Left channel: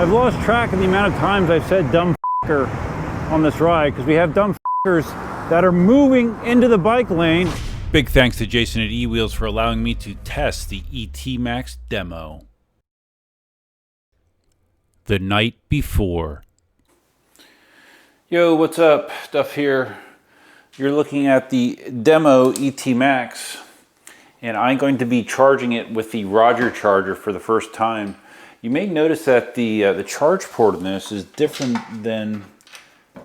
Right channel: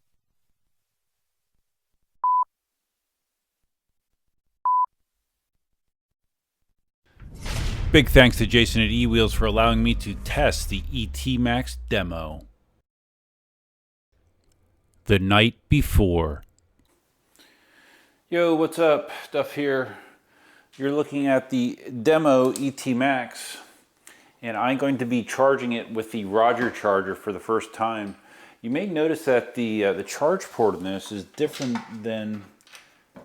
I've lost track of the amount of times I've said dumb f***er on this ride, because we have dumb f***ers that are moving into the bike lane. Big thanks to Jason at eWheels for allowing me to test the ET Max demo. The night before. Yo, what's up? Duff here. You're looking at the demo ET Max, and I'm going to be charging it with the Roger charger for the first time. You may notice that the charge port in this is different than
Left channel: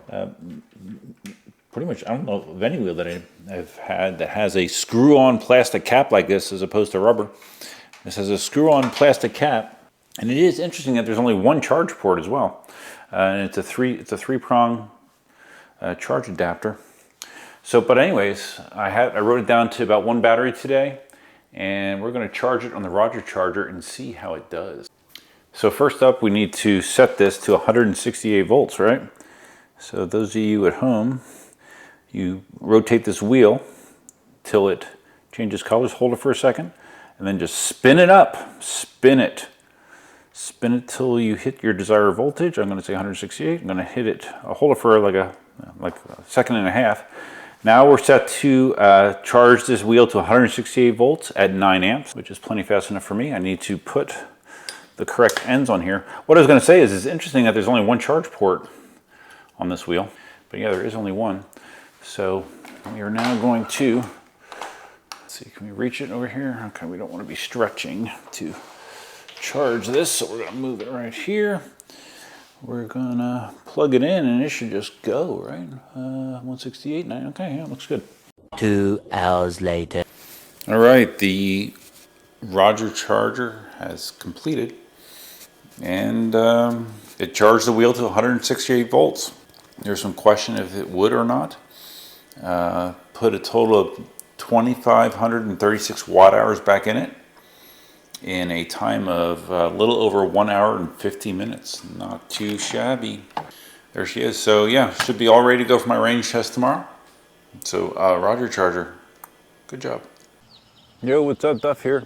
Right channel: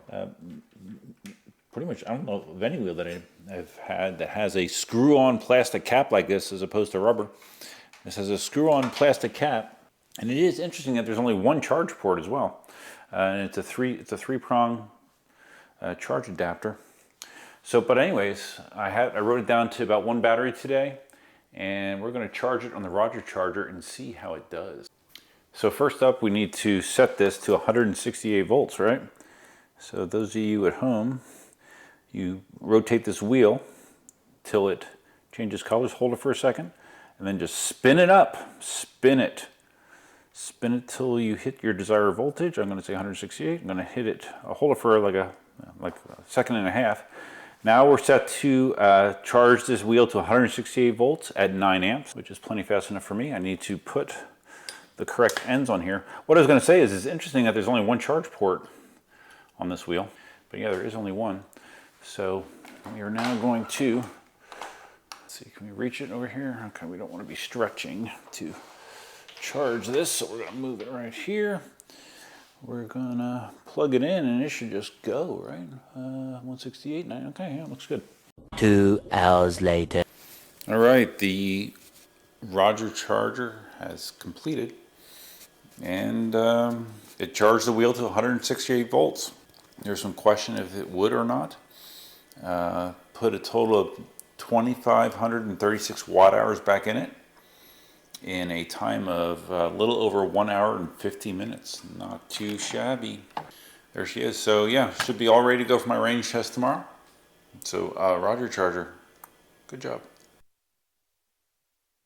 pretty much, I don't know of any wheel that I've had that has a screw-on plastic cap like this as opposed to rubber. This has a screw-on plastic cap, and it is interesting that there's only one charge port as well, and it's a three-prong charge adapter. So, but anyways, I wrote it down to about one battery today, and we're going to charge it on the Roger charger and see how it does. So first up, we need to set this to 168 volts, right? So those of you at home, you rotate this wheel till it changes colors, hold it for a second, and then just spin it up, spin it till you hit your desired voltage. I'm going to say 168. I'm going to hit it, I'll hold it for like a second and a half. Now we're set to charge this wheel to 168 volts at 9 amps, which is plenty fast enough for me. I need to put the correct ends on here. What I was going to say is it's interesting that there's only one charge port on this wheel, but yeah, there is only one. So we are now going to, let's see, can we reach it over here? Okay, we don't want to be stretching to charge this, so we're going to move it right here. We're gonna plug it in and it should just go, right? 168, 9, okay, yeah, looks good. 2 hours later. All right, the Roger charger has completed, and it charged the wheel to 168 volts. There's some question if it would or not. Put a total of 2,536 watt hours back in it, in a time of a little over 1 hour and 50 minutes. Not too shabby. There she is. So yeah, should be all ready to go for my range test tomorrow. So Roger charger, good job. Yo, what's up, Duff here.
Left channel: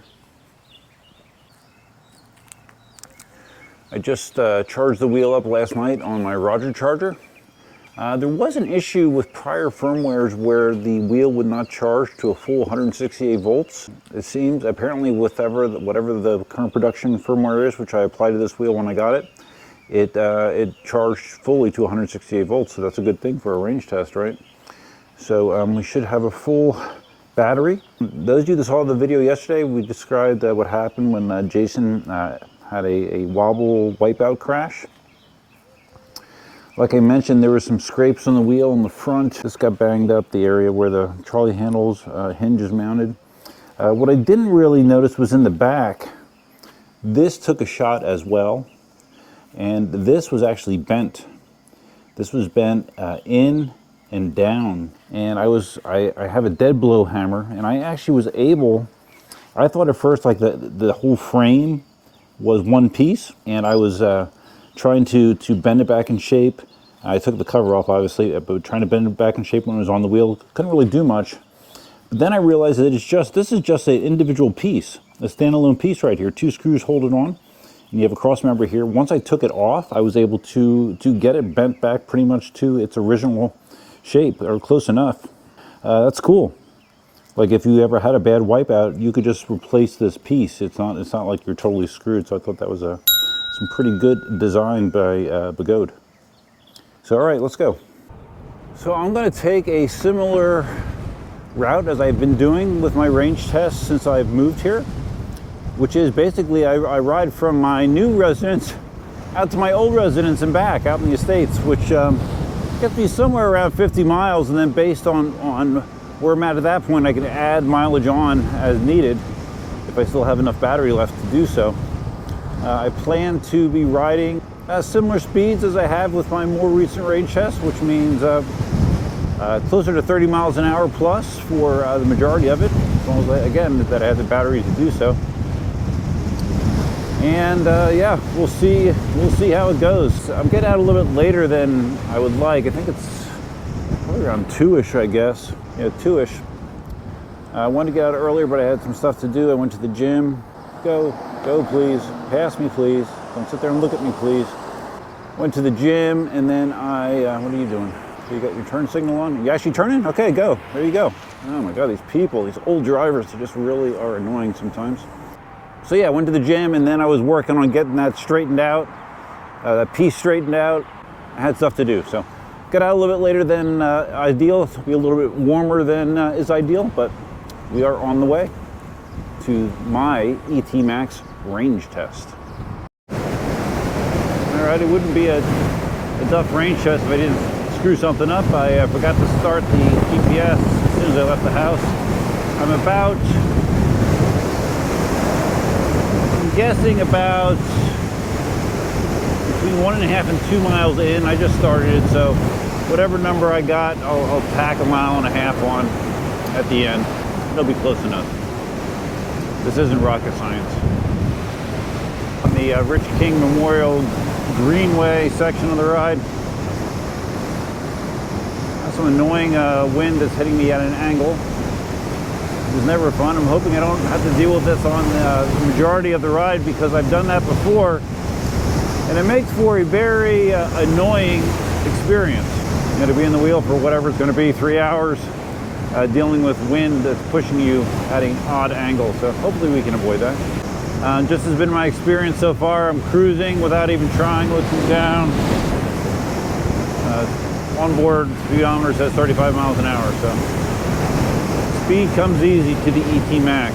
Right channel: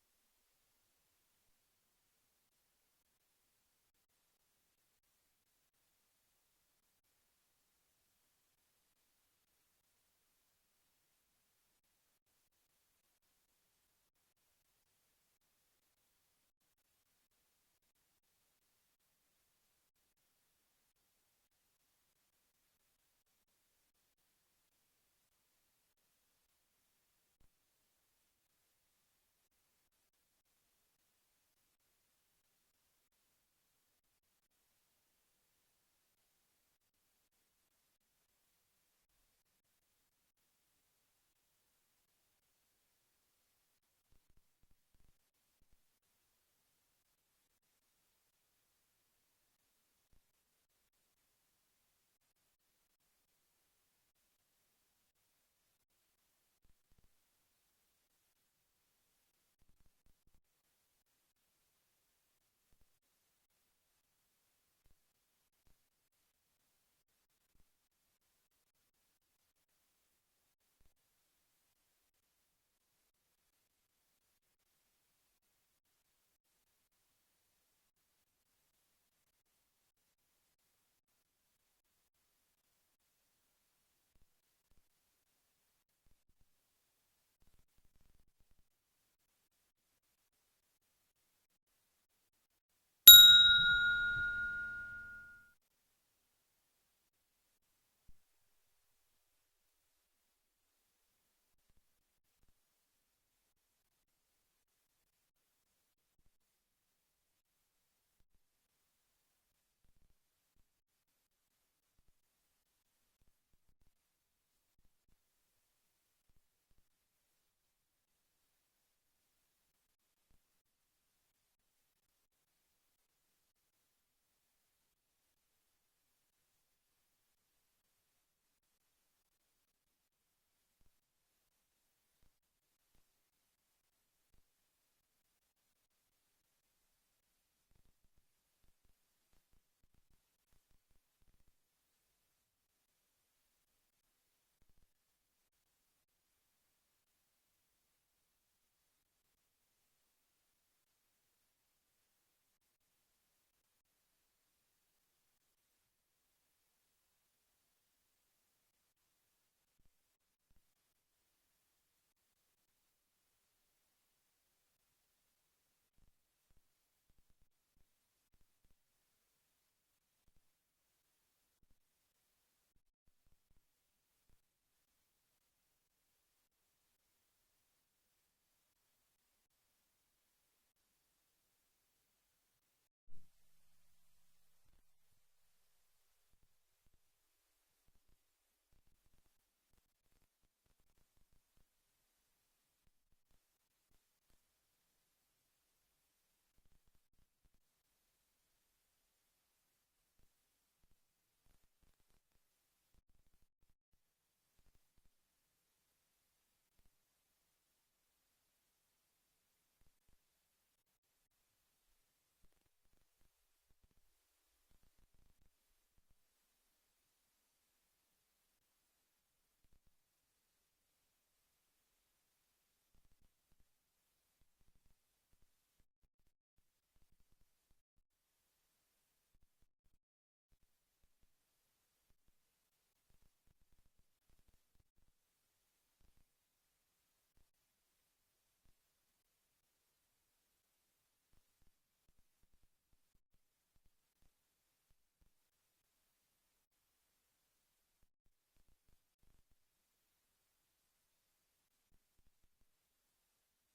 I just charged the wheel up last night on my Roger charger. There was an issue with prior firmwares where the wheel would not charge to a full 168 volts. It seems, apparently whatever the current production firmware is, which I applied to this wheel when I got it, it charged fully to 168 volts, so that's a good thing for a range test, right? So we should have a full battery. Those of you that saw the video yesterday, we described what happened when Jason had a wobble wipeout crash. Like I mentioned, there were some scrapes on the wheel in the front. This got banged up, the area where the trolley handles hinge is mounted. What I didn't really notice was in the back, this took a shot as well, and this was actually bent. This was bent in and down, and I have a dead blow hammer, and I actually was able, I thought at first like the whole frame was one piece, and I was trying to bend it back in shape. I took the cover off, obviously, but trying to bend it back in shape when it was on the wheel. Couldn't really do much. But then I realized that this is just an individual piece, a standalone piece right here. 2 screws hold it on, and you have a cross member here. Once I took it off, I was able to get it bent back pretty much to its original shape, or close enough. That's cool. Like if you ever had a bad wipeout, you could just replace this piece. It's not like you're totally screwed. So I thought that was some pretty good design by Begode. So all right, let's go. So I'm going to take a similar route as I've been doing with my range tests since I've moved here, which is basically I ride from my new residence out to my old residence and back out in the Estates, which gets me somewhere around 50 miles, and then based on where I'm at that point, I can add mileage on as needed if I still have enough battery left to do so. I plan to be riding similar speeds as I have with my more recent range test, which means closer to 30 miles an hour plus for the majority of it, as long as again that I have the battery to do so. And yeah, we'll see how it goes. I'm getting out a little bit later than I would like. I think it's probably around 2-ish, I guess. Yeah, 2-ish. I wanted to get out earlier, but I had some stuff to do. I went to the gym. Go Go, please. Pass me, please. Don't sit there and look at me, please. Went to the gym, and then what are you doing? So you got your turn signal on? You actually turning? Okay, go. There you go. Oh my God, these people, these old drivers, they just really are annoying sometimes. So yeah, I went to the gym, and then I was working on getting that straightened out, that piece straightened out. I had stuff to do, so got out a little bit later than ideal. It'll be a little bit warmer than is ideal, but we are on the way to my ET Max range test. All right, it wouldn't be a Duff range test if I didn't screw something up. I forgot to start the GPS as soon as I left the house. I'm guessing about between 1.5 and 2 miles in. I just started it, so whatever number I got, I'll tack 1.5 miles on at the end. It'll be close enough. This isn't rocket science. On the Rich King Memorial Greenway section of the ride, that's some annoying wind that's hitting me at an angle. It's never fun. I'm hoping I don't have to deal with this on the majority of the ride, because I've done that before, and it makes for a very annoying experience. You know, to be in the wheel for whatever it's going to be, 3 hours, dealing with wind that's pushing you at an odd angle. So hopefully we can avoid that. Just has been my experience so far. I'm cruising without even trying, looking down. Onboard speedometer says 35 miles an hour, so speed comes easy to the ET Max.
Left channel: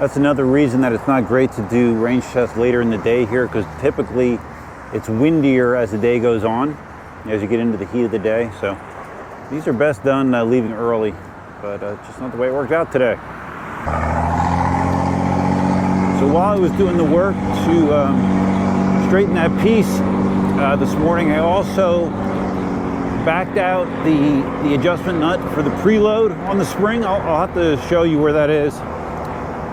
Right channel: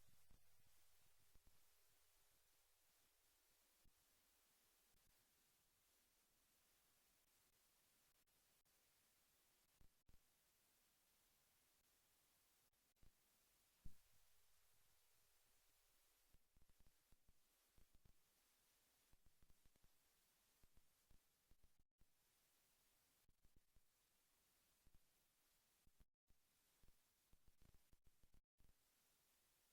That's another reason that it's not great to do range tests later in the day here, because typically it's windier as the day goes on, as you get into the heat of the day. So these are best done leaving early, but just not the way it worked out today. So while I was doing the work to straighten that piece this morning, I also backed out the adjustment nut for the preload on the spring. I'll have to show you where that is.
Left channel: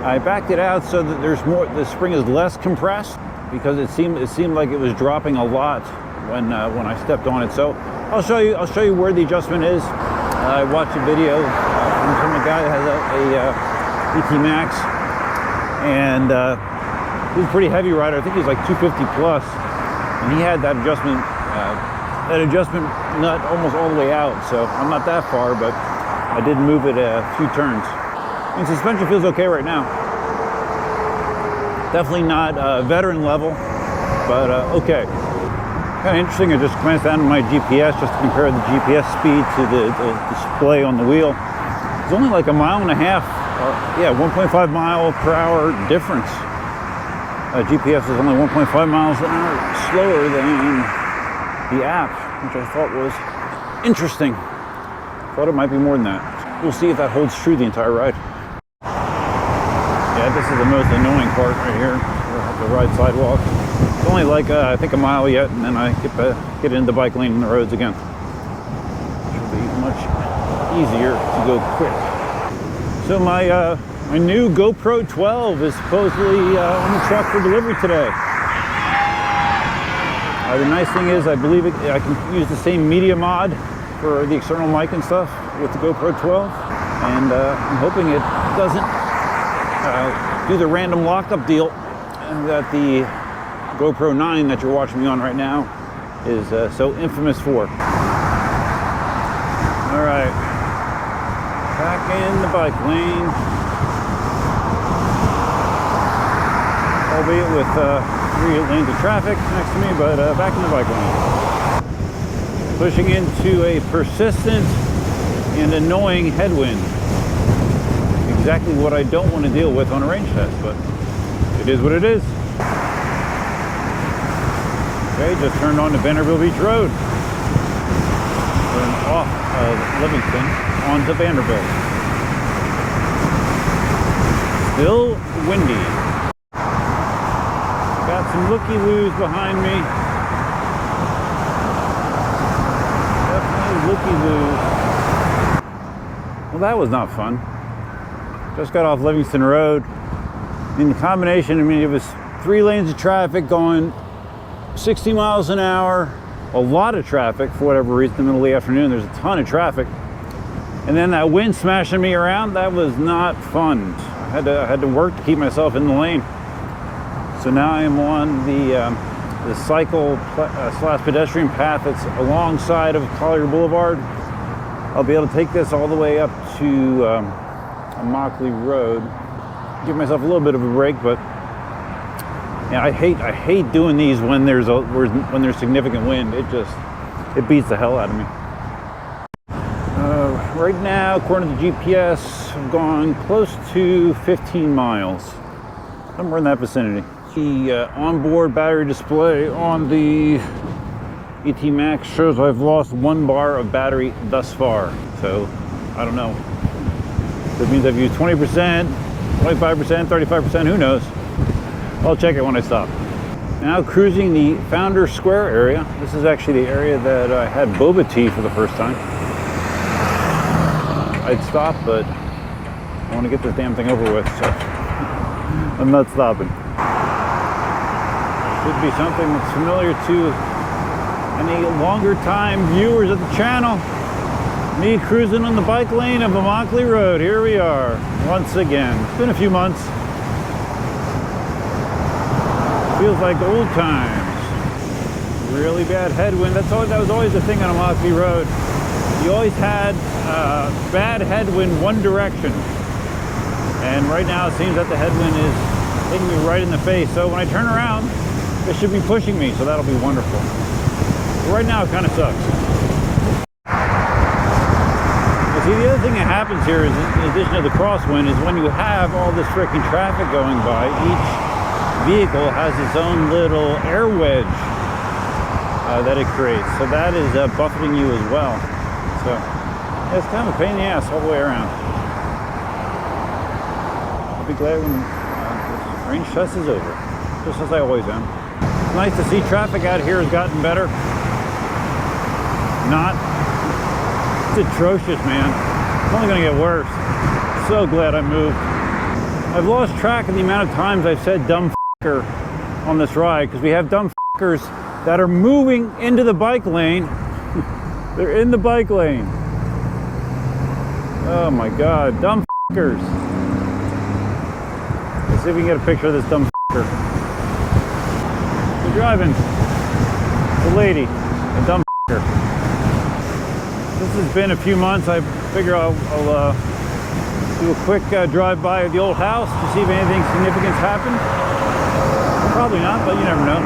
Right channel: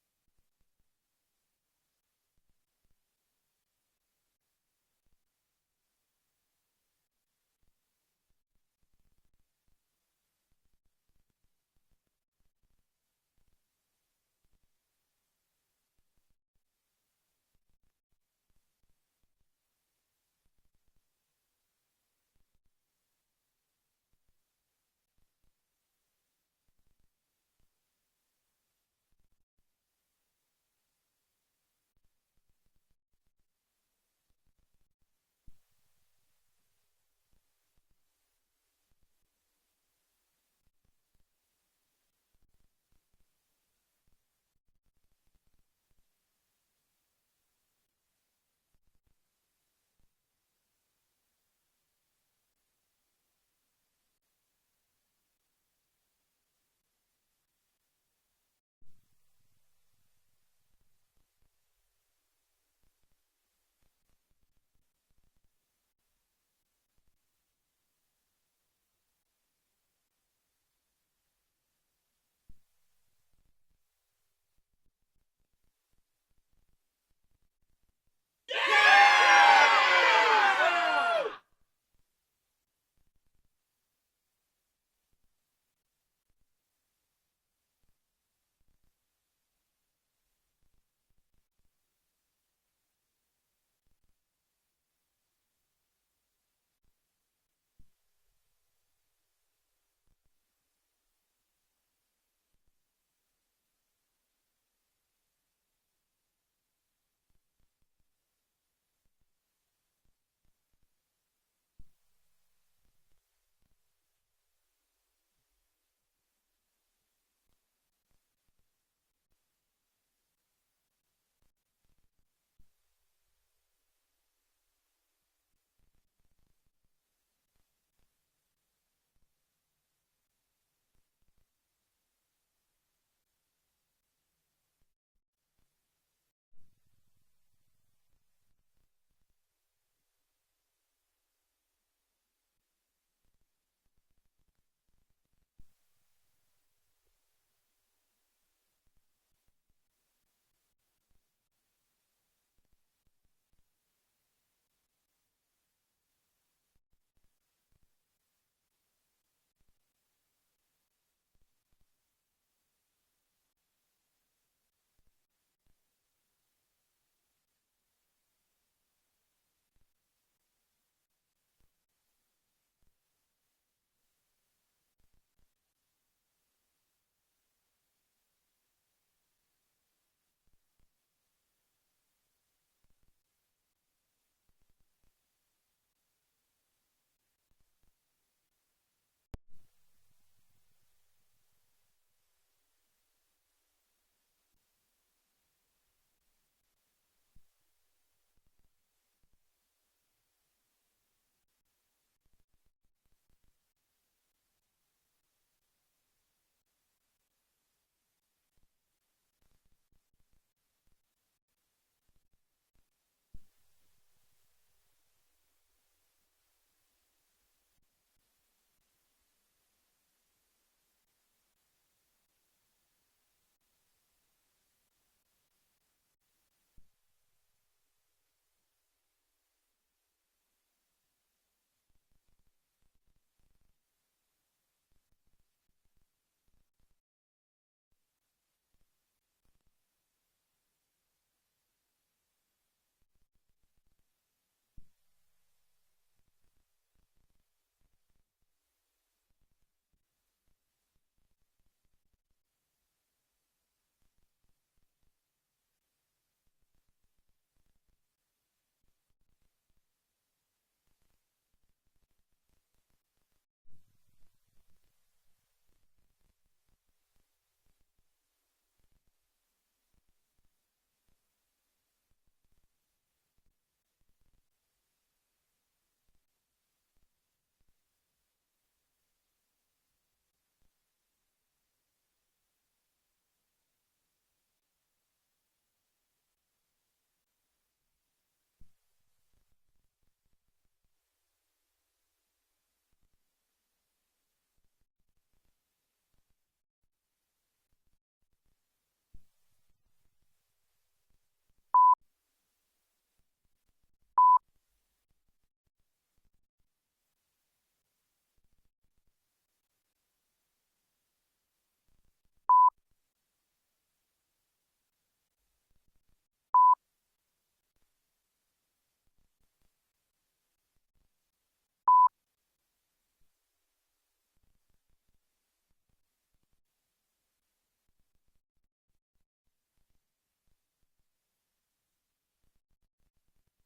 I backed it out so that the spring is less compressed, because it seemed like it was dropping a lot when I stepped on it. So I'll show you where the adjustment is. I watched a video from a guy that has a ET Max, and he's a pretty heavy rider. I think he's like 250 plus, and he had that adjustment nut almost all the way out. So I'm not that far, but I did move it a few turns. And suspension feels okay right now. Definitely not veteran level, but okay. Kind of interesting. I just glanced down at my GPS just to compare the GPS speed to the display on the wheel. It's only like 1.5 miles, 1.5 mile per hour difference. GPS is only 1.5 miles an hour slower than the app, which I thought was interesting. Thought it might be more than that. We'll see if that holds true the entire ride. Yeah, this is the most annoying part right here. We'll have to ride sidewalk. It's only like I think 1 mile yet, and then I get into the bike lane and the roads again. Should be much easier to go quick. So my new GoPro 12 is supposedly on the truck for delivery today. The nice thing is, I believe I can use the same media mod for the external mic and stuff with the GoPro 12, and I'm hoping it doesn't do the random lockup deal that the GoPro 9 that you're watching me on right now is so infamous for. All right, back in the bike lane, albeit with 3 lanes of traffic next to me, but back in the bike lane. Pushing into a persistent and annoying headwind. Exactly what I don't want to deal with on a range test, but it is what it is. Okay, just turned on to Vanderbilt Beach Road. Turned off of Livingston onto Vanderbilt. Still windy. Got some looky-loos behind me. Definitely looky-loos. Well, that was not fun. Just got off Livingston Road. In the combination, I mean, it was 3 lanes of traffic going 60 miles an hour. A lot of traffic for whatever reason in the middle of the afternoon. There's a ton of traffic. And then that wind smashing me around, that was not fun. I had to work to keep myself in the lane. So now I am on the cycle slash pedestrian path that's alongside of Collier Boulevard. I'll be able to take this all the way up to Mockley Road. Give myself a little bit of a break, but yeah, I hate doing these when there's significant wind. It beats the hell out of me. Right now, according to the GPS, I've gone close to 15 miles. Somewhere in that vicinity. The onboard battery display on the ET Max shows I've lost 1 bar of battery thus far. So, I don't know. That means I've used 20%, 25%, 35%, who knows? I'll check it when I stop. Now cruising the Founders Square area. This is actually the area that I had boba tea for the first time. I'd stop, but I want to get this damn thing over with, so I'm not stopping. Should be something that's familiar to any longer time viewers of the channel. Me cruising on the bike lane of the Mockley Road. Here we are, once again. It's been a few months. Feels like old times. Really bad headwind. That was always the thing on a Mockley Road. You always had bad headwind one direction. And right now it seems that the headwind is hitting me right in the face. So when I turn around, it should be pushing me, so that'll be wonderful. But right now it kind of sucks. But see, the other thing that happens here is, in addition to the crosswind, is when you have all this freaking traffic going by, each vehicle has its own little air wedge that it creates. So that is buffeting you as well. So yeah, it's kind of a pain in the ass all the way around. I'll be glad when this rain stress is over, just as I always am. It's nice to see traffic out here has gotten better. Not. It's atrocious, man. It's only going to get worse. So glad I moved. I've lost track of the amount of times I've said dumb f***er on this ride, because we have dumb f***ers that are moving into the bike lane. They're in the bike lane. Oh my God, dumb f***ers. Let's see if we can get a picture of this dumb f***er. We're driving. The lady, a dumb f***er. This has been a few months. I figure I'll do a quick drive-by of the old house to see if anything significant happened. Probably not, but you never know.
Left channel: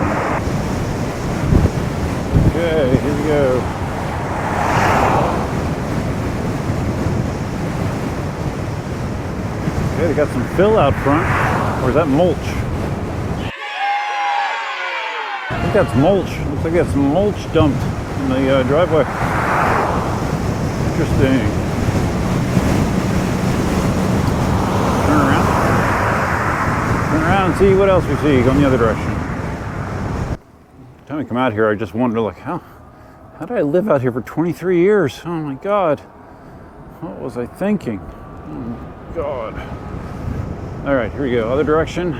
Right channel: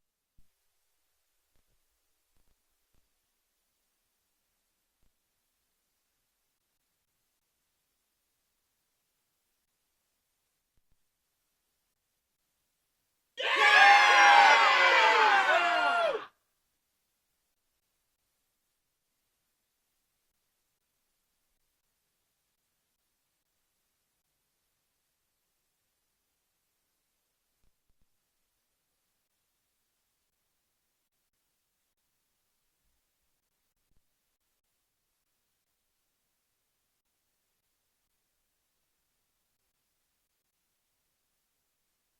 Okay, here we go. Okay, they got some fill out front. Or is that mulch? I think that's mulch. Looks like that's mulch dumped in the driveway. Interesting. Turn around and see what else we see. Go in the other direction. Every time I come out here, I just wonder, like, how did I live out here for 23 years? Oh my God. What was I thinking? Oh my God. All right, here we go. Other direction.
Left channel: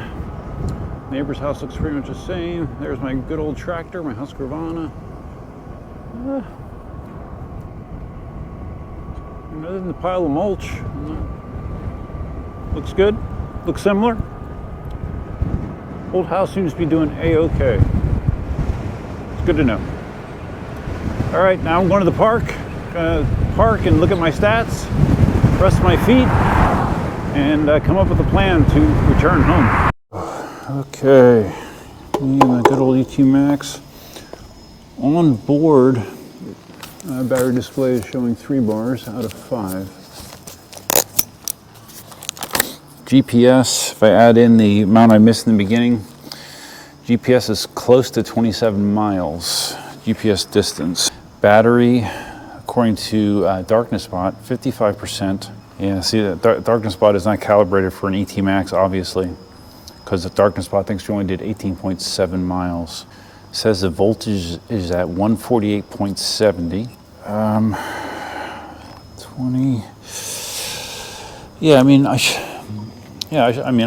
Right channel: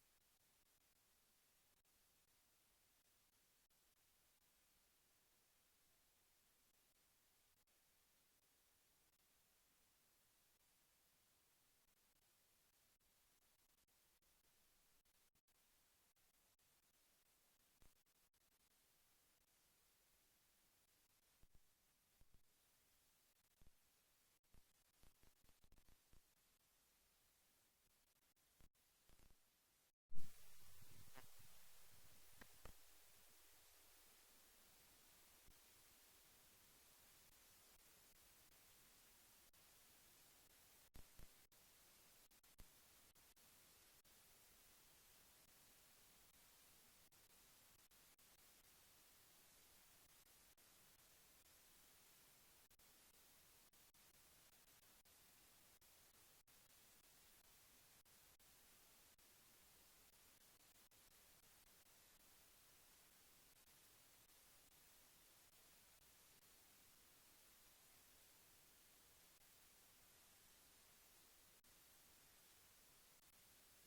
Neighbor's house looks pretty much the same. There's my good old tractor, my Husqvarna. Other than the pile of mulch, looks good, looks similar. Old house seems to be doing a-okay. It's good to know. All right, now I'm going to the park. Park and look at my stats, rest my feet, and come up with a plan to return home. Okay, me and the good old ET Max. On board, battery display is showing 3 bars out of 5. GPS, if I add in the amount I missed in the beginning, GPS is close to 27 miles, GPS distance. Battery, according to Darkness Spot, 55%. Yeah, see, that Darkness Spot is not calibrated for an ET Max, obviously, because the Darkness Spot thinks you only did 18.7 miles. It says the voltage is at 148.70. 20. Yeah, I mean, I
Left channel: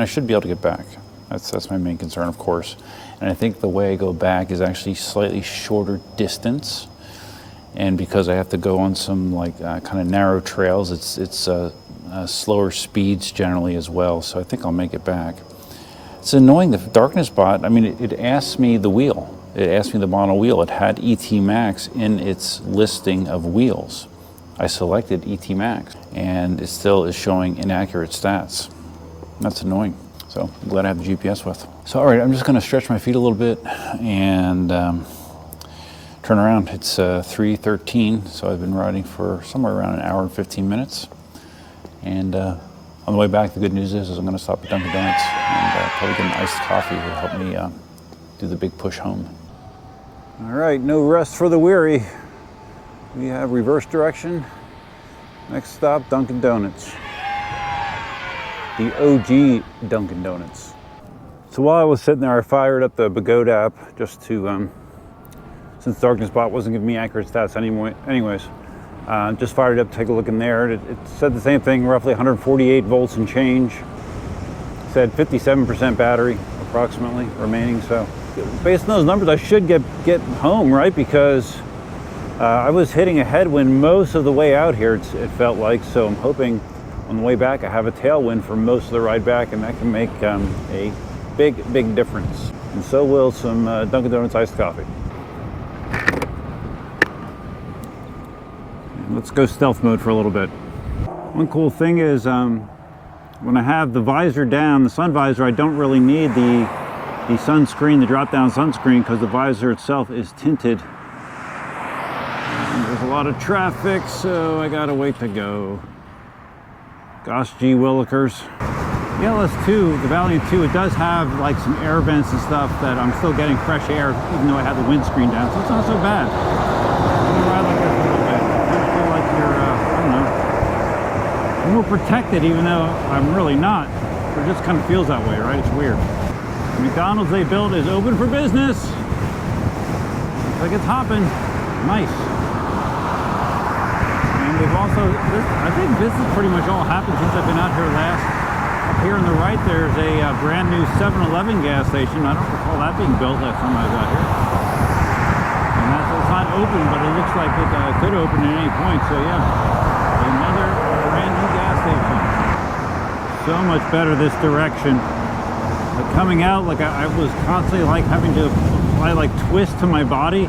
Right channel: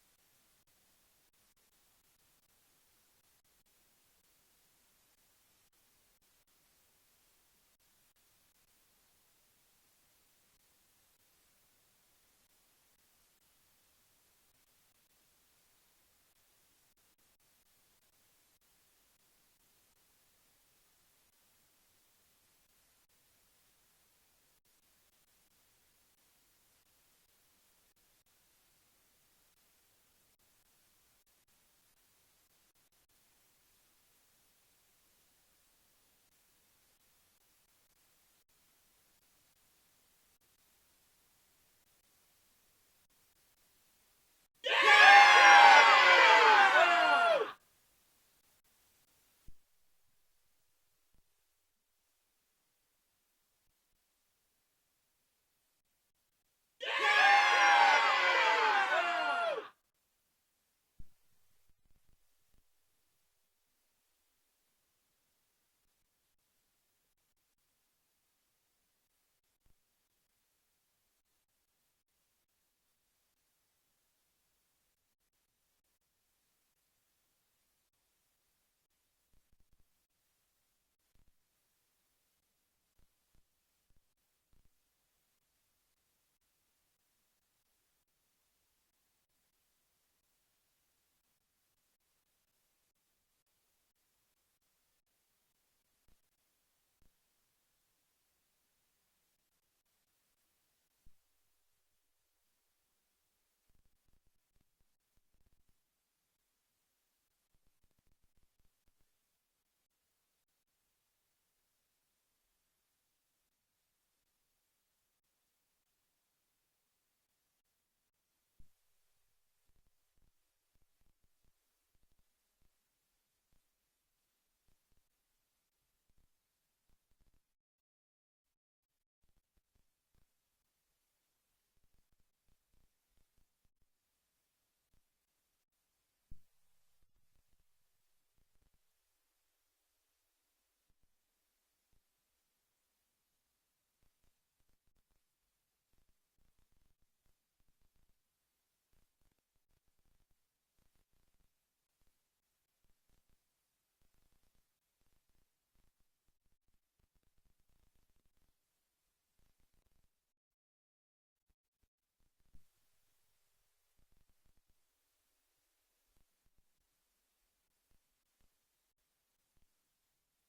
should be able to get back. That's my main concern, of course. And I think the way I go back is actually slightly shorter distance. And because I have to go on some kind of narrow trails, it's slower speeds generally as well. So I think I'll make it back. It's annoying, the darkness bot. I mean, it asked me the wheel. It asked me the model wheel. It had ET Max in its listing of wheels. I selected ET Max, and it still is showing inaccurate stats. That's annoying. So I'm glad I have the GPS with. So all right, I'm just gonna stretch my feet a little bit and turn around. It's 3:13, so I've been riding for somewhere around an hour and 15 minutes. And on the way back, the good news is I'm gonna stop at Dunkin' Donuts and probably get an iced coffee to help me do the big push home. All right, no rest for the weary. We have reverse direction. Next stop, Dunkin' Donuts. The OG Dunkin' Donuts. So while I was sitting there, I fired up the Bagode app just to, since Darkness Bot wasn't giving me accurate stats anyways, just fired it up to take a look in there. It said the same thing, roughly 148 volts and change. It said 57% battery approximately remaining. So based on those numbers, I should get home, right? Because I was hitting a headwind most of the way out here, it felt like. So I'm hoping on the way back I have a tailwind for most of the ride back, and that can make a big difference. And so will some Dunkin' Donuts iced coffee. Let's go stealth mode for a little bit. One cool thing is when I have the visor down, the sun visor, I don't really need the sunscreen, the drop-down sunscreen, because the visor itself is tinted. And there's a lot of traffic, so I gotta wait to go. Gosh gee willikers. The LS2, the Valiant 2, it does have like some air vents and stuff that I'm still getting fresh air, even though I have the windscreen down, so it's not so bad. I'm gonna ride like this a little bit. I feel like you're, I don't know, more protected, even though I'm really not. It just kind of feels that way, right? It's weird. The McDonald's they built is open for business. Looks like it's hopping. Nice. And they've also, I think this has pretty much all happened since I've been out here last. Up here on the right, there's a brand new 7-Eleven gas station. I don't recall that being built last time I was out here. And it's not open, but it looks like it could open at any point. So yeah, another brand new gas station. So much better this direction. Like coming out, like I was constantly like having to apply like twist to my body.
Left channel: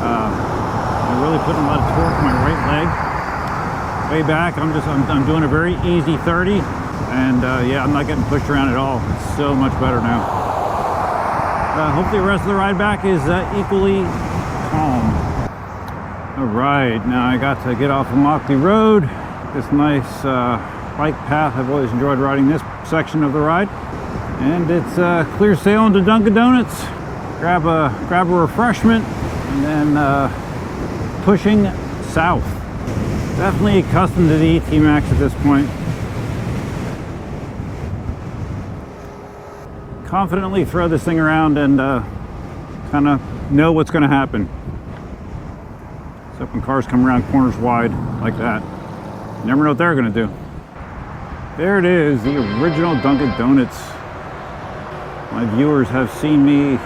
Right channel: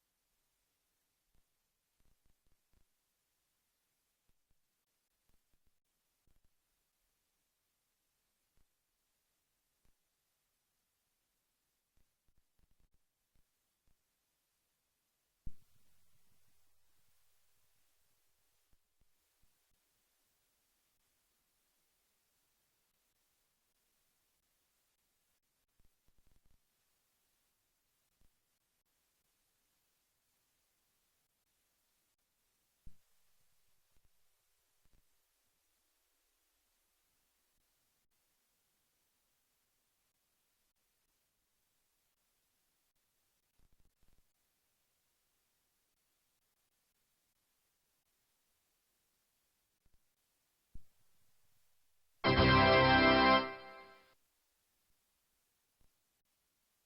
I'm really putting a lot of torque on my right leg. Way back, I'm doing a very easy 30. And yeah, I'm not getting pushed around at all. It's so much better now. Hopefully the rest of the ride back is equally calm. All right, now I got to get off of Mockley Road. This nice bike path. I've always enjoyed riding this section of the ride. And it's clear sailing to Dunkin' Donuts. Grab a refreshment and then pushing south. Definitely accustomed to the ET Max at this point. Confidently throw this thing around and kind of know what's going to happen. Except when cars come around corners wide like that. You never know what they're going to do. There it is, the original Dunkin' Donuts. My viewers have seen me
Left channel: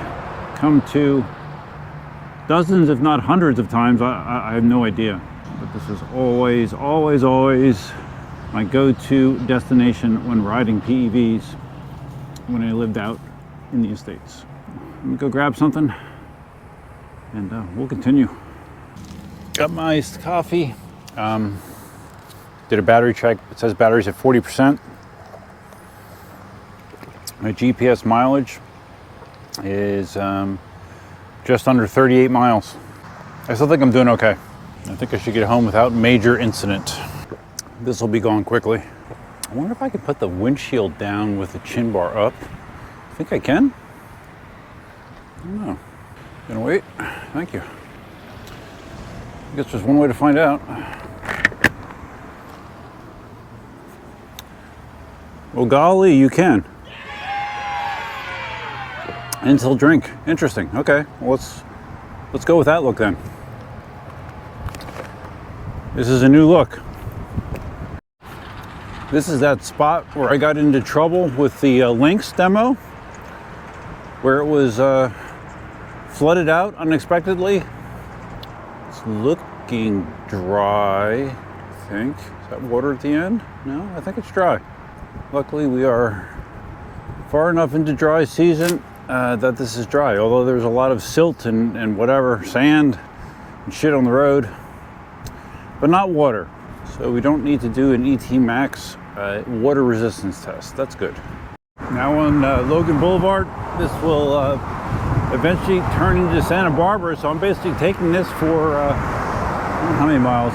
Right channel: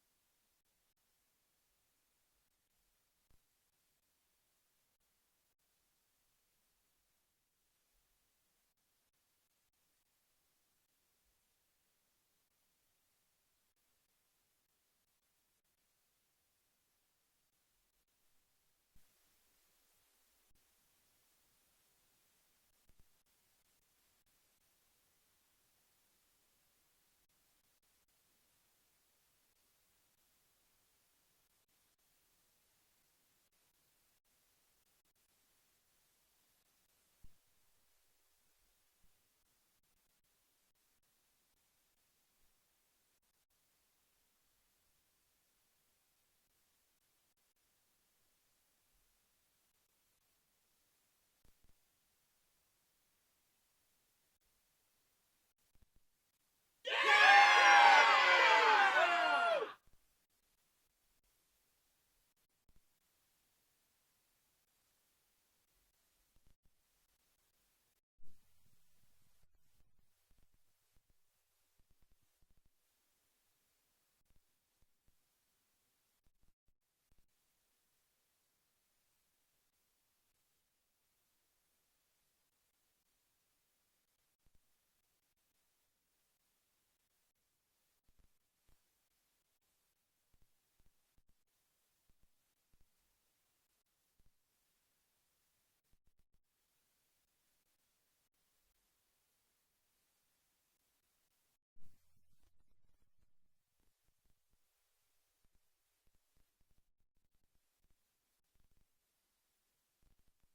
come to dozens, if not hundreds of times. I have no idea. But this is always my go-to destination when riding PEVs. When I lived out in the estates. Let me go grab something and we'll continue. Got my iced coffee. Did a battery check. It says battery's at 40%. My GPS mileage is just under 38 miles. I still think I'm doing okay. I think I should get home without major incident. This will be gone quickly. I wonder if I could put the windshield down with the chin bar up. I think I can. I don't know. Gonna wait. Thank you. I guess there's one way to find out. Well, golly, you can. Until drink. Interesting. Okay. Well, let's go with that look then. This is a new look. This is that spot where I got into trouble with the Lynx demo, where it was flooded out unexpectedly. It's looking dry, I think. Is that water at the end? No, I think it's dry. Luckily, we are far enough into dry season that this is dry, although there's a lot of silt and whatever, sand and shit on the road, but not water. So we don't need to do an ET Max water resistance test. That's good. Now on Logan Boulevard, this will eventually turn into Santa Barbara. So I'm basically taking this for, how many miles?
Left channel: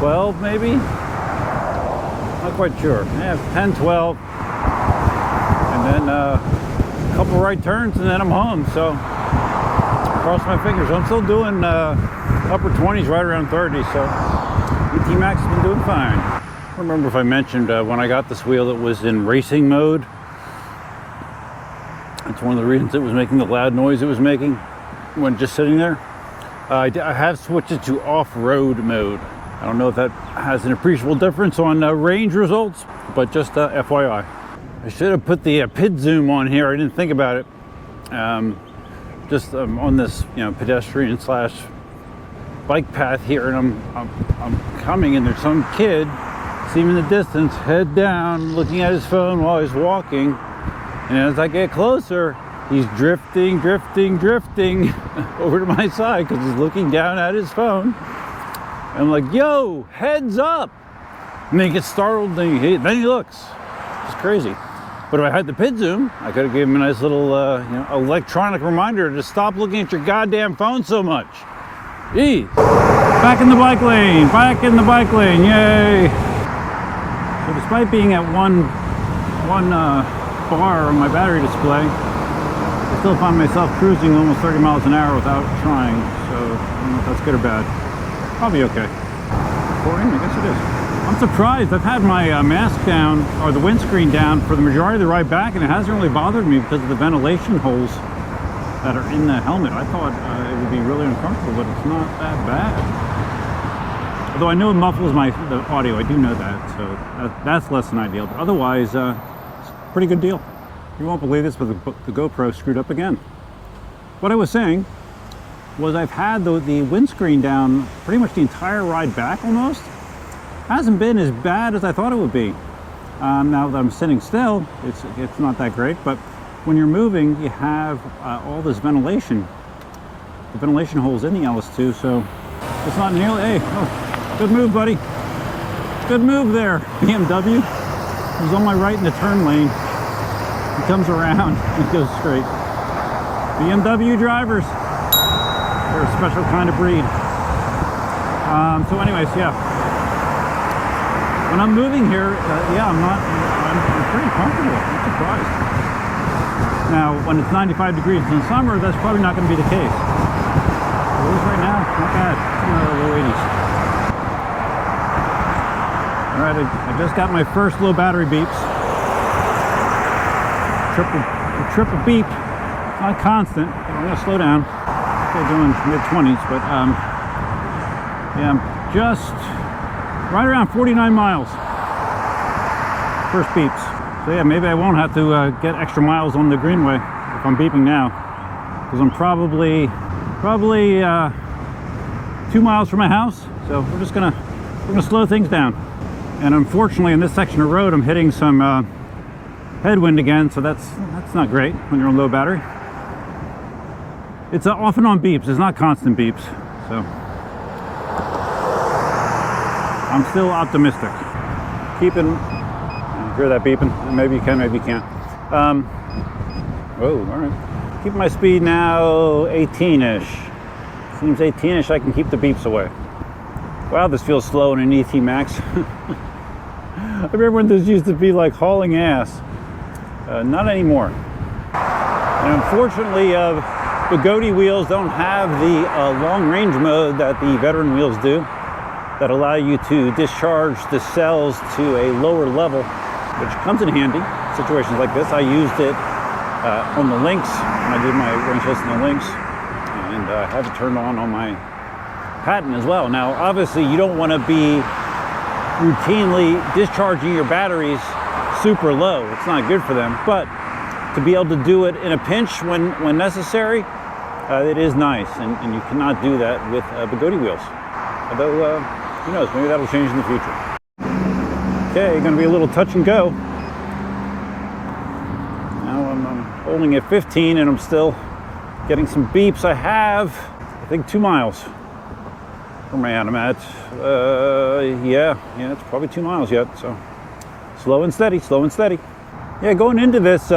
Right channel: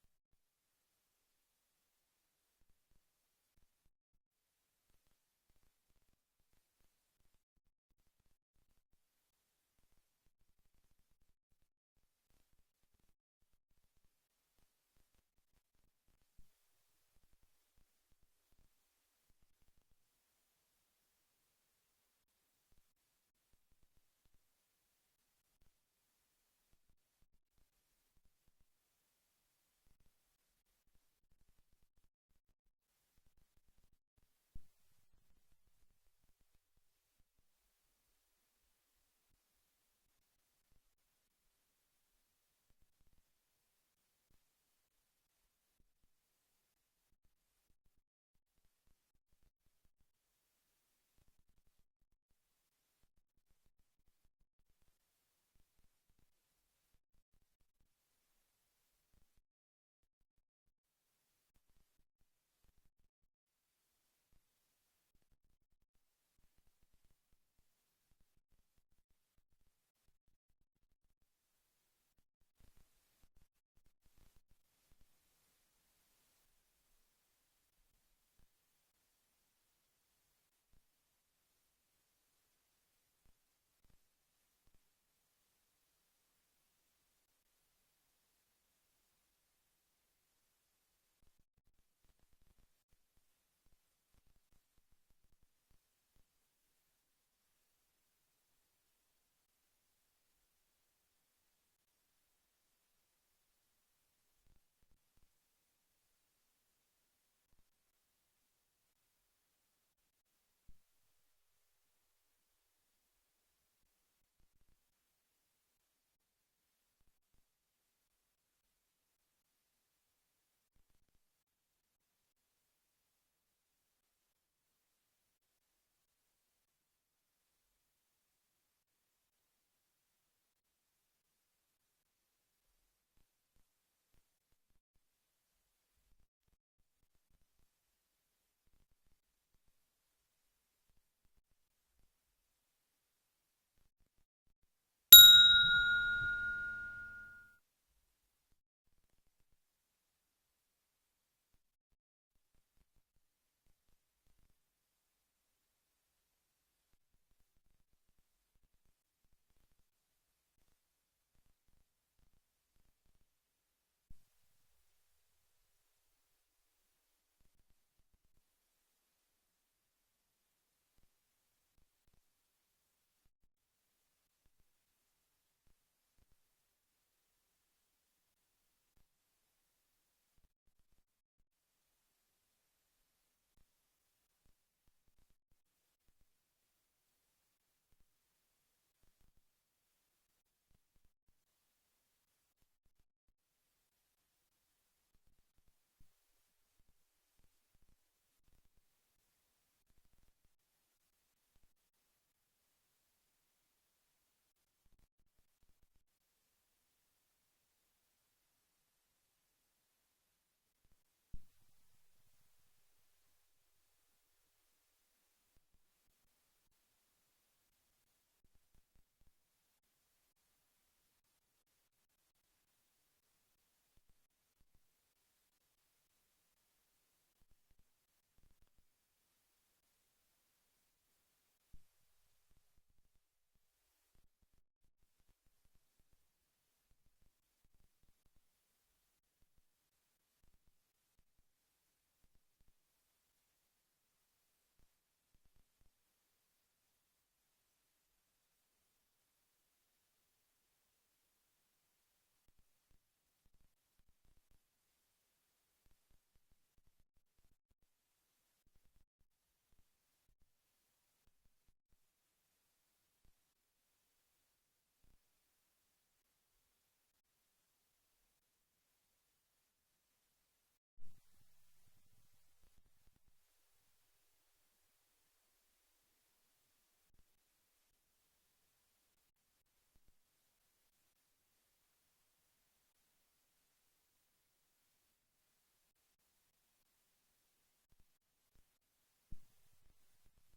12 maybe? Not quite sure. Yeah, 10, 12. And then a couple right turns and then I'm home. So cross my fingers. I'm still doing upper 20s, right around 30. So ET Max has been doing fine. I don't remember if I mentioned when I got this wheel, it was in racing mode. That's one of the reasons it was making the loud noise it was making when just sitting there. I have switched it to off-road mode. I don't know if that has an appreciable difference on range results, but just FYI. I should have put the PID zoom on here. I didn't think about it. Just on this, pedestrian slash bike path here, and I'm coming, and there's some kid, see him in the distance, head down, looking at his phone while he's walking. And as I get closer, he's drifting over to my side because he's looking down at his phone. And I'm like, yo, heads up. And then he gets startled, and then he looks. It's crazy. But if I had the PID zoom, I could have given him a nice little electronic reminder to stop looking at your goddamn phone so much. Geez. Back in the bike lane, yay. So despite being at one bar on my battery display, I still find myself cruising almost 30 miles an hour without trying. So I don't know if that's good or bad. Probably okay. Recording? I guess it is. I'm surprised. I've had my mask down, or the windscreen down, for the majority of the ride back, and it hasn't really bothered me because of the ventilation holes that are in the helmet. I thought it would be really uncomfortable, but it's not that bad. Although I know it muffles the audio, I do know that, so that's less than ideal. But otherwise, it's a pretty good deal. You won't believe this, but the GoPro screwed up again. What I was saying was I've had the windscreen down pretty much the entire ride back almost. Hasn't been as bad as I thought it would be. Now that I'm sitting still, it's not that great, but when you're moving, you have all this ventilation. The ventilation holes in the LS2, so it's not nearly, hey, oh, good move, buddy. Good move there, BMW. He's on my right in the turn lane. He comes around and goes straight. BMW drivers, they're a special kind of breed. So anyways, yeah. When I'm moving here, I'm pretty comfortable. I'm surprised. Now, when it's 95 degrees in the summer, that's probably not going to be the case. It is right now, not bad. Low 80s. All right, I just got my first low battery beeps. Triple beep. It's not constant, but I'm going to slow down. Still doing mid-20s, but yeah, I'm just right around 49 miles. First beeps. So yeah, maybe I won't have to get extra miles on the Greenway if I'm beeping now, because I'm probably 2 miles from my house. So we're gonna slow things down. And unfortunately, in this section of road, I'm hitting some headwind again. So that's not great when you're on low battery. It's off and on beeps. It's not constant beeps. So I'm still optimistic. Hear that beeping? Maybe you can, maybe you can't. Whoa, all right. Keep my speed now 18-ish. Seems 18-ish, I can keep the beeps away. Wow, this feels slow in an ET Max. I remember when this used to be like hauling ass. Not anymore. And unfortunately, the Gotway wheels don't have the long range mode that the veteran wheels do, that allow you to discharge the cells to a lower level, which comes in handy in situations like this. I used it on the Lynx when I did my range test on the Lynx, and I have it turned on my Patent as well. Now, obviously, you don't want to be routinely discharging your batteries super low. It's not good for them, but to be able to do it in a pinch when necessary, it is nice, and you cannot do that with the Gotway wheels. Although, who knows, maybe that'll change in the future. Okay, gonna be a little touch and go. holding at 15 and I'm still getting some beeps. I have, I think 2 miles. Where am I at? I'm at, yeah, it's probably 2 miles yet. So slow and steady, slow and steady. Yeah, going into this,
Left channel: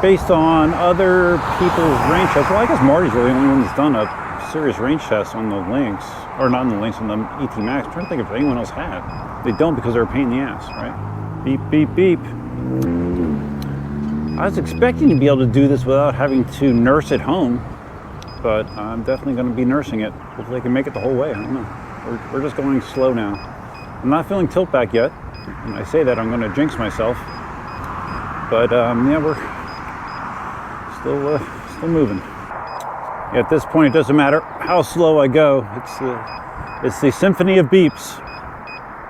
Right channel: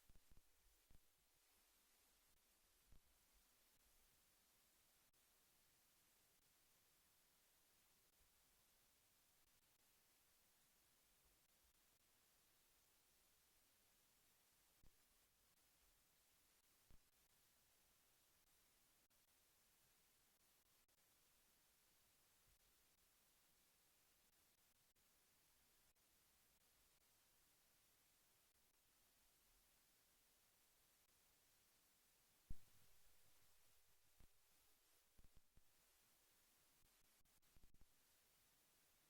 based on other people's range tests, well, I guess Marty's really the only one that's done a serious range test on the Lynx, or not on the Lynx, on the ET Max. I'm trying to think if anyone else had. They don't because they're a pain in the ass, right? Beep, beep, beep. I was expecting to be able to do this without having to nurse at home, but I'm definitely going to be nursing it. Hopefully I can make it the whole way. I don't know. We're just going slow now. I'm not feeling tilt back yet. When I say that, I'm going to jinx myself. But yeah, we're still moving. At this point, it doesn't matter how slow I go. It's the symphony of beeps.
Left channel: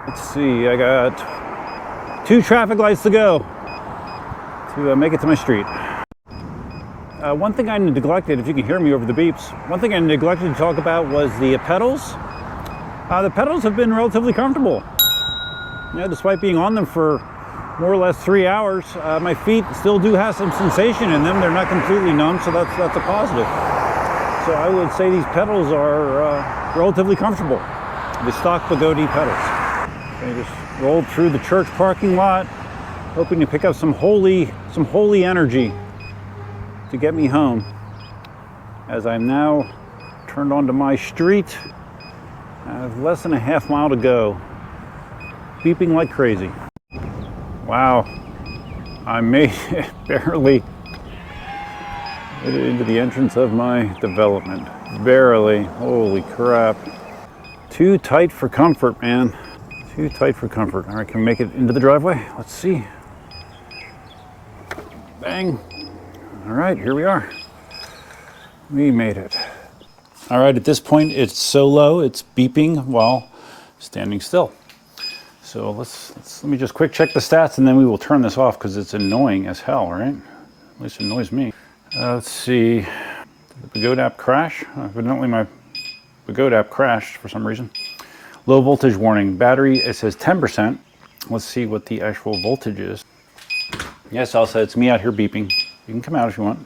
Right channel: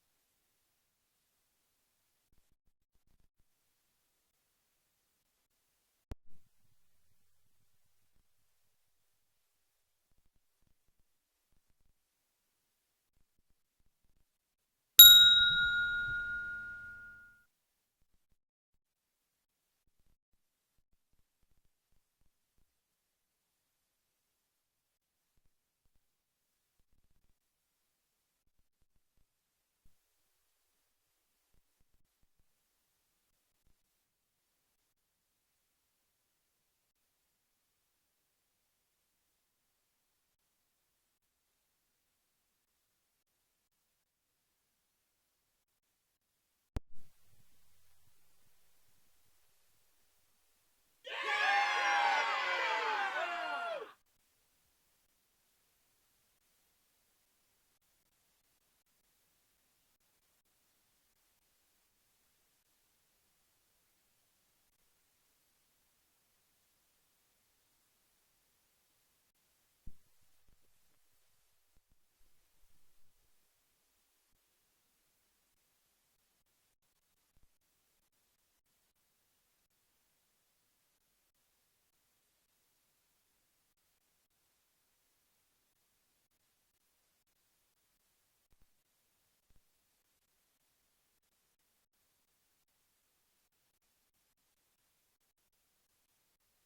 Let's see, I got 2 traffic lights to go to make it to my street. One thing I neglected, if you can hear me over the beeps, one thing I neglected to talk about was the pedals. The pedals have been relatively comfortable. You know, despite being on them for more or less 3 hours, my feet still do have some sensation in them. They're not completely numb, so that's a positive. So I would say these pedals are relatively comfortable. The stock Bugatti pedals. I just rolled through the church parking lot, hoping to pick up some holy energy to get me home. As I'm now turned onto my street, I have less than a half mile to go, beeping like crazy. Wow, I made it barely into the entrance of my development. Barely, holy crap. Too tight for comfort, man. Too tight for comfort. All right, can we make it into the driveway? Let's see. Bang. All right, here we are. We made it. All right, at this point, it's so low, it's beeping while standing still. So let me just quick check the stats and then we will turn this off because it's annoying as hell, right? At least it annoys me. Let's see. Did the Bugatti app crash? Evidently my Bugatti app crashed for some reason. Low voltage warning. Battery, it says 10%. Let's see what the actual voltage is. Yes, Elsa, it's me out here beeping. You can come out if you want.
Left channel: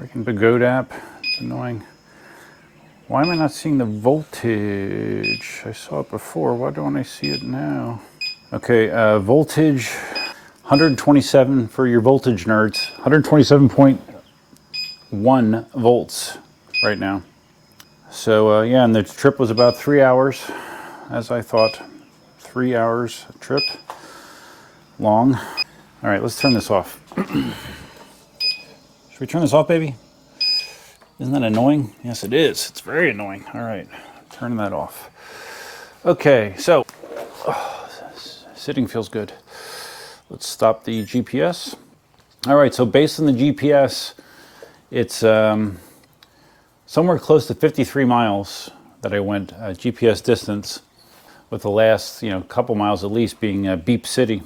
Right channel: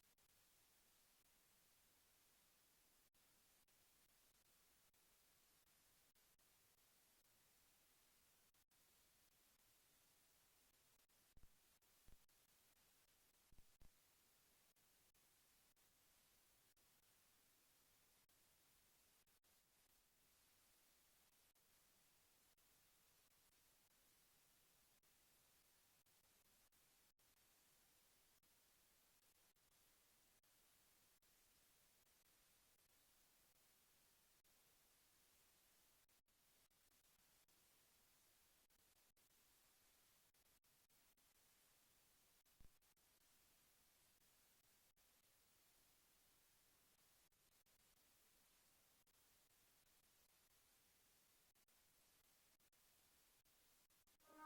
Freaking Bugatti app. It's annoying. Why am I not seeing the voltage? I saw it before. Why don't I see it now? Okay, voltage 127 for your voltage nerds. 127.1 volts right now. So yeah, and the trip was about 3 hours, as I thought. 3 hours trip long. All right, let's turn this off. Should we turn this off, baby? Isn't that annoying? Yes, it is. It's very annoying. All right, turn that off. Okay, so sitting feels good. Let's stop the GPS. All right, so based on the GPS, it's somewhere close to 53 miles that I went GPS distance, with the last couple miles at least being Beep City.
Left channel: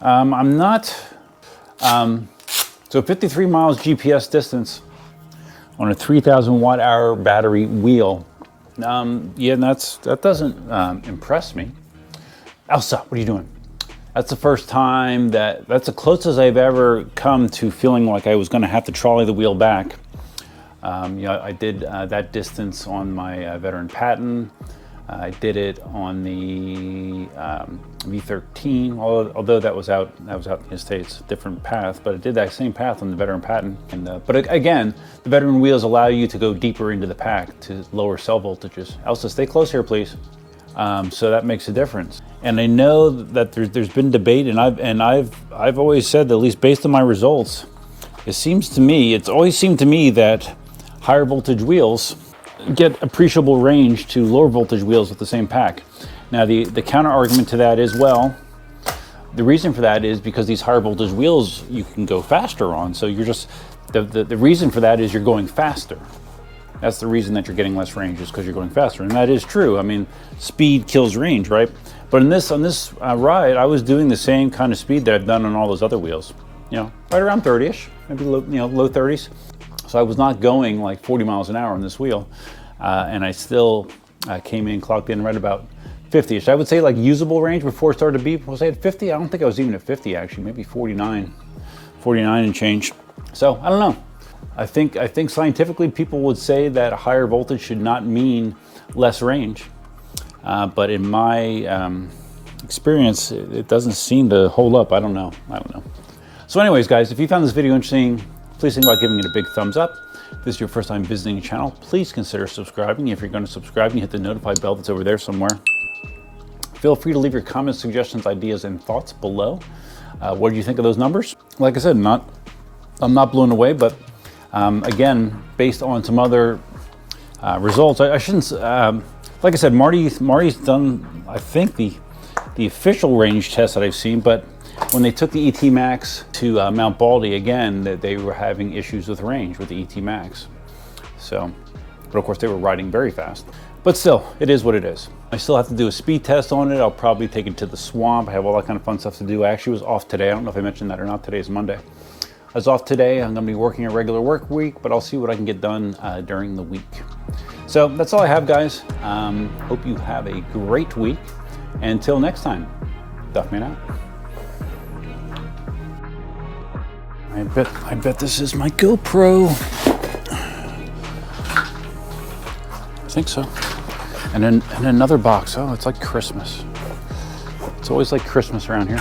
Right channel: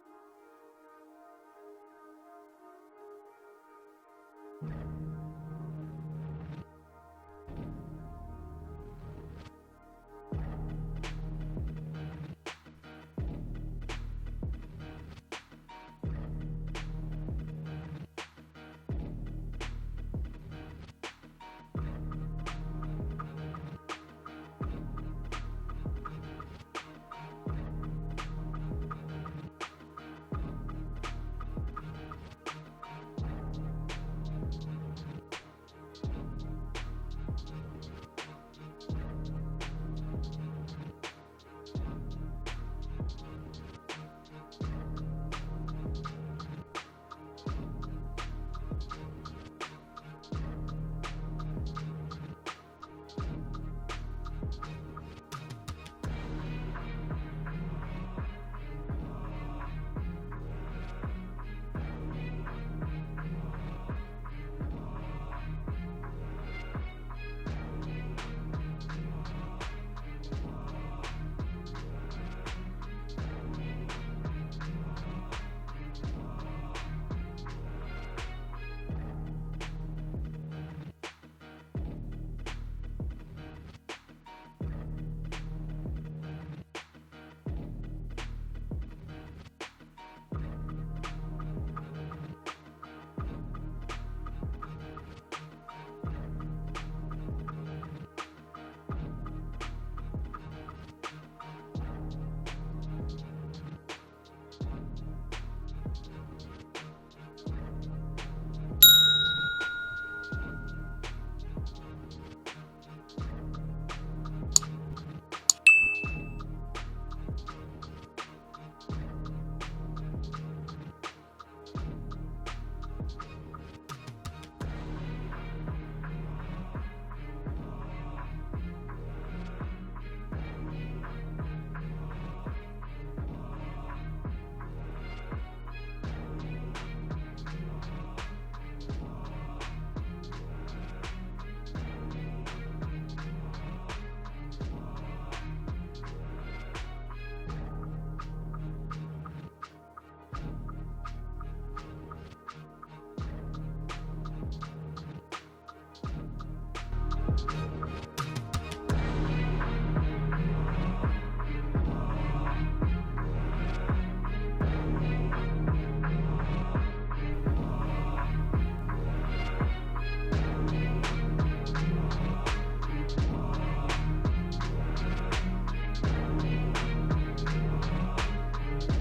I'm not, so 53 miles GPS distance on a 3,000 watt hour battery wheel. Yeah, that doesn't impress me. Elsa, what are you doing? That's the first time that's the closest I've ever come to feeling like I was gonna have to trolley the wheel back. I did that distance on my veteran Patton. I did it on the V13, although that was out in the States, different path, but I did that same path on the veteran Patton. But again, the veteran wheels allow you to go deeper into the pack to lower cell voltages. Elsa, stay close here, please. So that makes a difference. And I know that there's been debate, and I've always said that, at least based on my results, it's always seemed to me that higher voltage wheels get appreciable range to lower voltage wheels with the same pack. Now the counter argument to that is, well, the reason for that is because these higher voltage wheels you can go faster on. So you're just, the reason for that is you're going faster. That's the reason that you're getting less range, is because you're going faster. And that is true. I mean, speed kills range, right? But on this ride, I was doing the same kind of speed that I've done on all those other wheels. Right around 30-ish, maybe low 30s. So I was not going like 40 miles an hour on this wheel, and I still came in, clocked in right about 50-ish. I would say like usable range before it started to beep. Was I at 50? I don't think I was even at 50 actually, maybe 49 and change. So I don't know. I think scientifically people would say that a higher voltage should not mean less range. But in my experience, it doesn't seem to hold up. I don't know. So anyways, guys, if you found this video interesting, please think about giving it a big thumbs up. If this is your first time visiting the channel, please consider subscribing. If you're going to subscribe, you hit the notify bell that's over there somewhere. Feel free to leave your comments, suggestions, ideas, and thoughts below. What do you think of those numbers? Like I said, I'm not blown away, but again, based on some other results, I shouldn't. Like I said, Marty's done, I think, the official range test that I've seen, but when they took the ET Max to Mount Baldy again, they were having issues with range with the ET Max. So, but of course they were riding very fast. But still, it is what it is. I still have to do a speed test on it. I'll probably take it to the swamp. I have all that kind of fun stuff to do. I actually was off today. I don't know if I mentioned that or not. Today is Monday. I was off today. I'm gonna be working a regular work week, but I'll see what I can get done during the week. So that's all I have, guys. Hope you have a great week. Until next time, Duffman out. I bet this is my GoPro. I think so. And then another box. Oh, it's like Christmas. It's always like Christmas around here.